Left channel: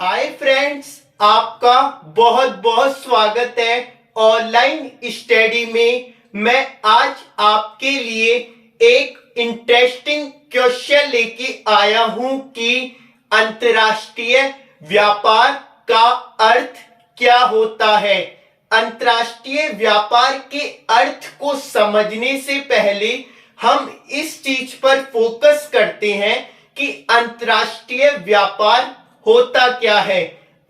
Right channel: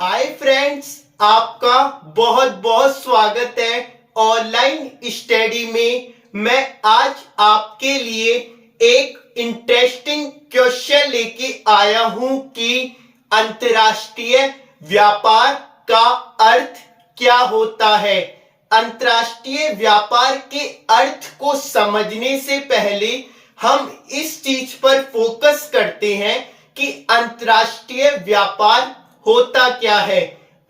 Hi friends, आपका बहुत बहुत स्वागत है ऑनलाइन स्टडी में। मैं आज आपके लिए एक इंटरेस्टिंग क्वेश्चन लेके आया हूं कि अंतर्राष्ट्रीय व्यापार का अर्थ क्या होता है। अंतर्राष्ट्रीय व्यापार के अर्थ को समझने से पहले हम इस चीज पर फोकस करते हैं कि अंतर्राष्ट्रीय व्यापार होता क्या है।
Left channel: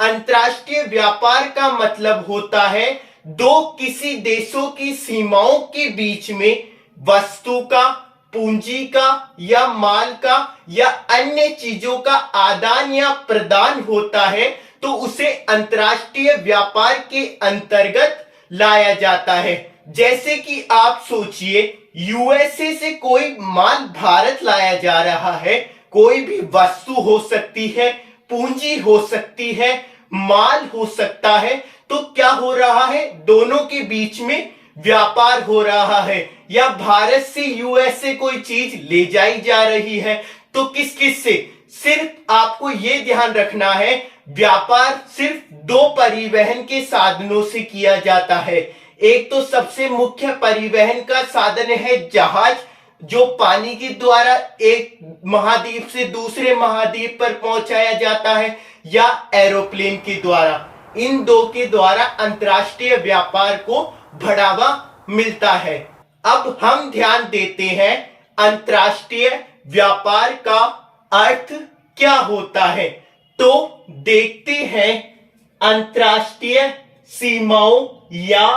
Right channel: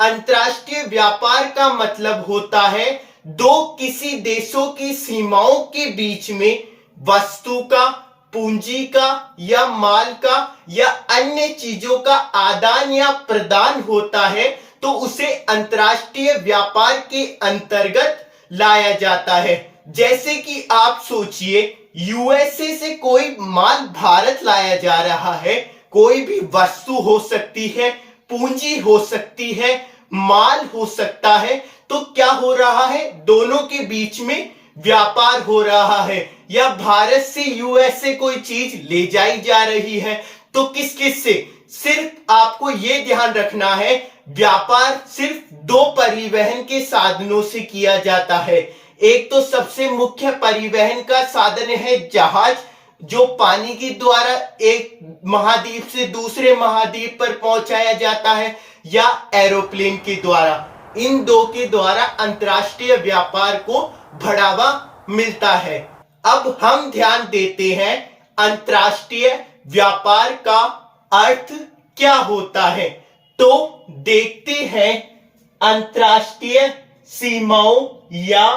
अंतर्राष्ट्रीय व्यापार का मतलब होता है दो किसी देशों की सीमाओं के बीच में वस्तु का, पूंजी का या माल का या अन्य चीजों का आदान या प्रदान होता है, तो उसे अंतर्राष्ट्रीय व्यापार के अंतर्गत लाया जाता है। जैसे कि आप सोचिए, यूएसए से कोई माल भारत लाया जा रहा है। कोई भी वस्तु हो सकती है, पूंजी हो सकती है, माल हो सकता है। तो क्या हो रहा है? दोनों के बीच में व्यापार हो रहा है। या भारत से यूएसए कोई चीज ले जाई जा रही है, तो किस किस से? सिर्फ आपको यह ध्यान रखना है, व्यापार सिर्फ दो परिवहन के साधनों से किया जाता है। एक तो सबसे मुख्य परिवहन का साधन है जहाज, जो पानी के द्वारा एक महाद्वीप से दूसरे महाद्वीप पर पहुंचाया जाता है, या एरोप्लेन के द्वारा। इन दो के द्वारा अंतर्राष्ट्रीय व्यापार को बढ़ावा मिलता है। अब हम ध्यान देते हैं अंतर्राष्ट्रीय व्यापार का अर्थ क्या होता है। तो देखते हैं, अंतर्राष्ट्रीय सीमाओं या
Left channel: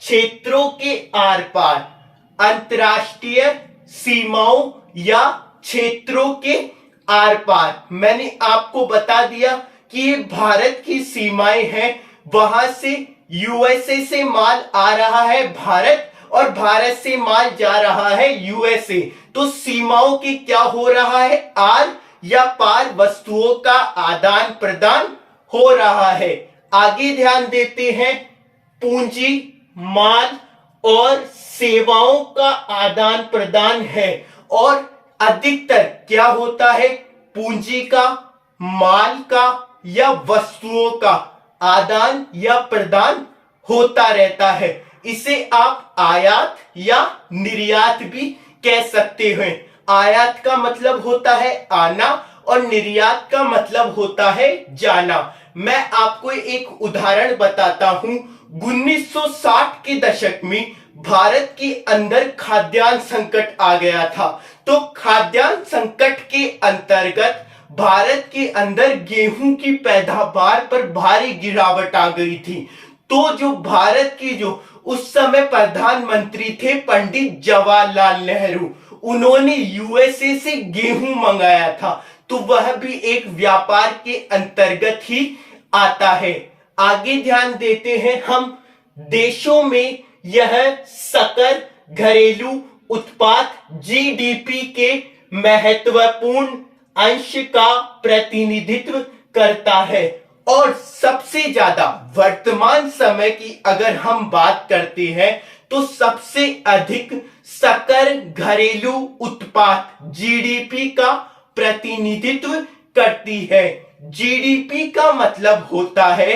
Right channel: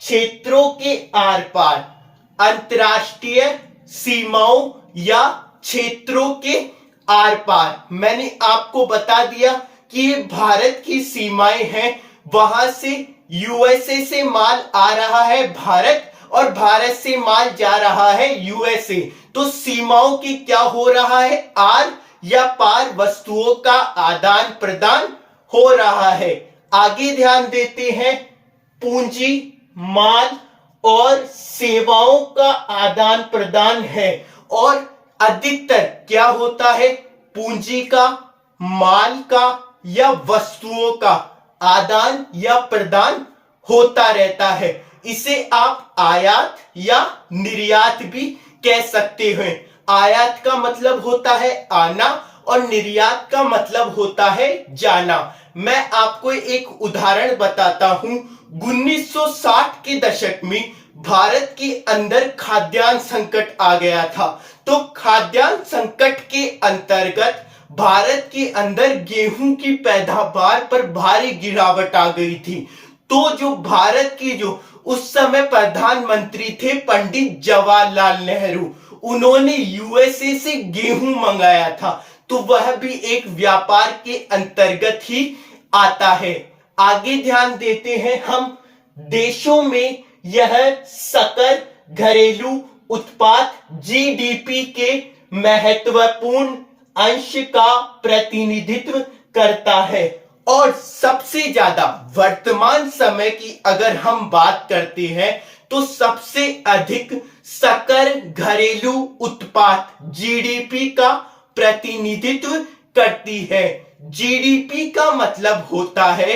क्षेत्रों के आर पार। अंतर्राष्ट्रीय सीमाओं या क्षेत्रों के आर पार, मैंने आपको बता दिया कि ये भारत की सीमाएं हैं। वहां से यूएसए से माल आ रहा है भारत, और भारत से माल जा रहा है यूएसए। तो सीमाओं की क्या हो रहा है? आर या पार वस्तुओं का आदान प्रदान हो रहा है। आगे ध्यान देते हैं, पूंजी, माल और सेवाओं का आदान प्रदान है। और अधिकतर क्या होता है? पूंजी का, माल का या वस्तुओं का आदान या प्रदान होता रहता है। इसे आप आयात या निर्यात भी कह सकते हैं। आयात का मतलब होता है आना और निर्यात का मतलब होता है जाना। मैं आपको एक उदाहरण बताता हूं। 1960 के दशक में भारत के अंदर खाद्यान्न संकट आ गया था। तो खाद्यान्न संकट के अंतर्गत भारत के अंदर गेहूं की पैदावार पर भारी गिरावट आ गई थी। तो जो भारत की जो उस समय प्रधानमंत्री थे पंडित जवाहरलाल नेहरू, उन्होंने यूएसए से गेहूं मंगाया था। तो वह भी एक व्यापार के अंतर्गत ही आता है। आगे ध्यान देते हैं हम, देशों में यह सकल घरेलू उत्पाद जीडीपी के महत्वपूर्ण अंश का प्रतिनिधित्व करता है। और सबसे ज्यादा वर्तमान समय की अगर हम बात करते हैं, तो सबसे अधिक सकल घरेलू उत्पाद जीडीपी का प्रतिनिधित्व करती है। जीडीपी का मतलब होता है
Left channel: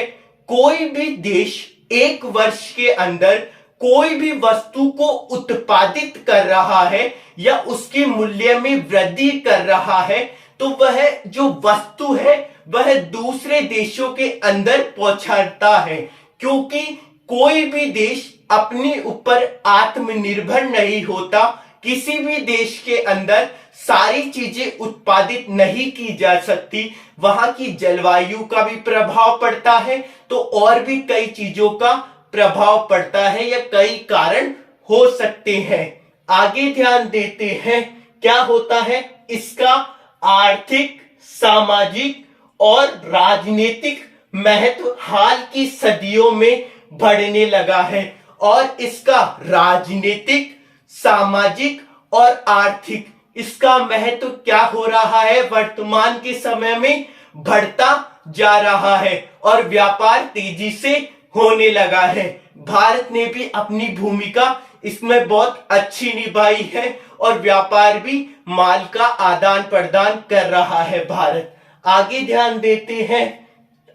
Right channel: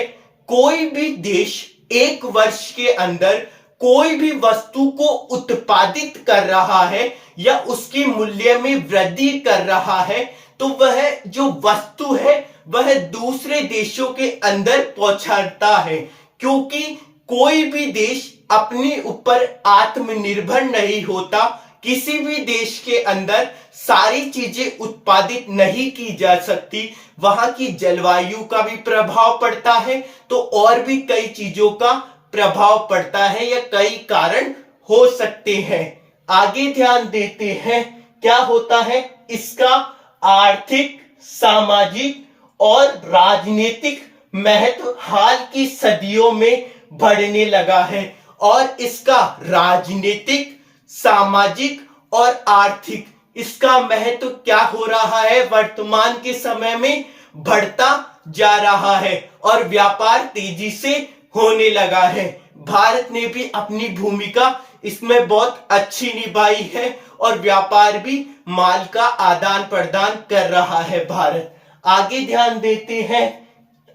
कोई भी देश एक वर्ष के अंदर कोई भी वस्तु को उत्पादित कर रहा है या उसके मूल्य में वृद्धि कर रहा है, तो वह जो वस्तु है वह दूसरे देशों के अंदर पहुंचाता है। क्योंकि कोई भी देश अपने ऊपर आत्मनिर्भर नहीं होता। किसी भी देश के अंदर सारी चीजें उत्पादित नहीं की जा सकती। वहां की जलवायु का भी प्रभाव पड़ता है, तो और भी कई चीजों का प्रभाव पड़ता है या कई कारण हो सकते हैं। आगे ध्यान देते हैं, क्या होता है? इसका आर्थिक, सामाजिक और राजनीतिक महत्व हाल की सदियों में बढ़ने लगा है। और इसका राजनीतिक, सामाजिक और आर्थिक, इसका महत्व क्या हो रहा है? वर्तमान के समय में बढ़ता जा रहा है और व्यापार तेजी से होने लगा है। भारत ने भी अपनी भूमिका इसमें बहुत अच्छी निभाई है और व्यापार भी, माल का आदान प्रदान कर रहा है भारत। आगे ध्यान देते हैं,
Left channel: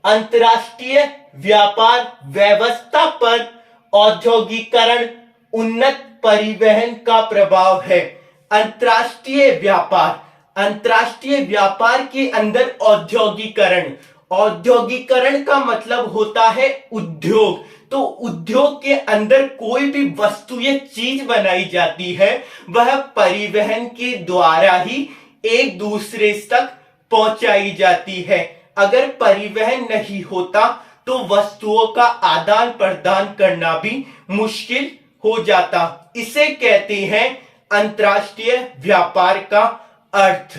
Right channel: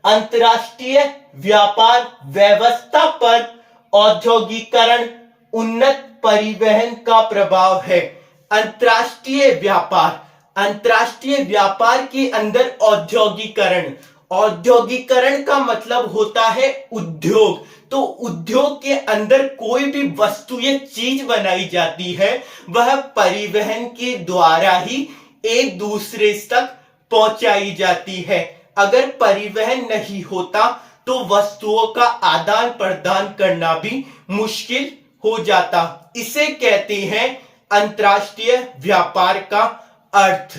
अंतर्राष्ट्रीय व्यापार व्यवस्था पर औद्योगिकरण उन्नत परिवहन का प्रभाव है। अंतर्राष्ट्रीय व्यापार के अंदर औद्योगिकरण का मतलब होता है उद्योग। तो उद्योग के अंदर कोई भी वस्तु या चीज बनाई जाती है वह परिवहन के द्वारा ही एक दूसरे तक पहुंचाई जाती है। अगर परिवहन नहीं होता तो वस्तुओं का आदान प्रदान करना भी मुश्किल हो जाता। इसे कहते हैं अंतर्राष्ट्रीय व्यापार का अर्थ।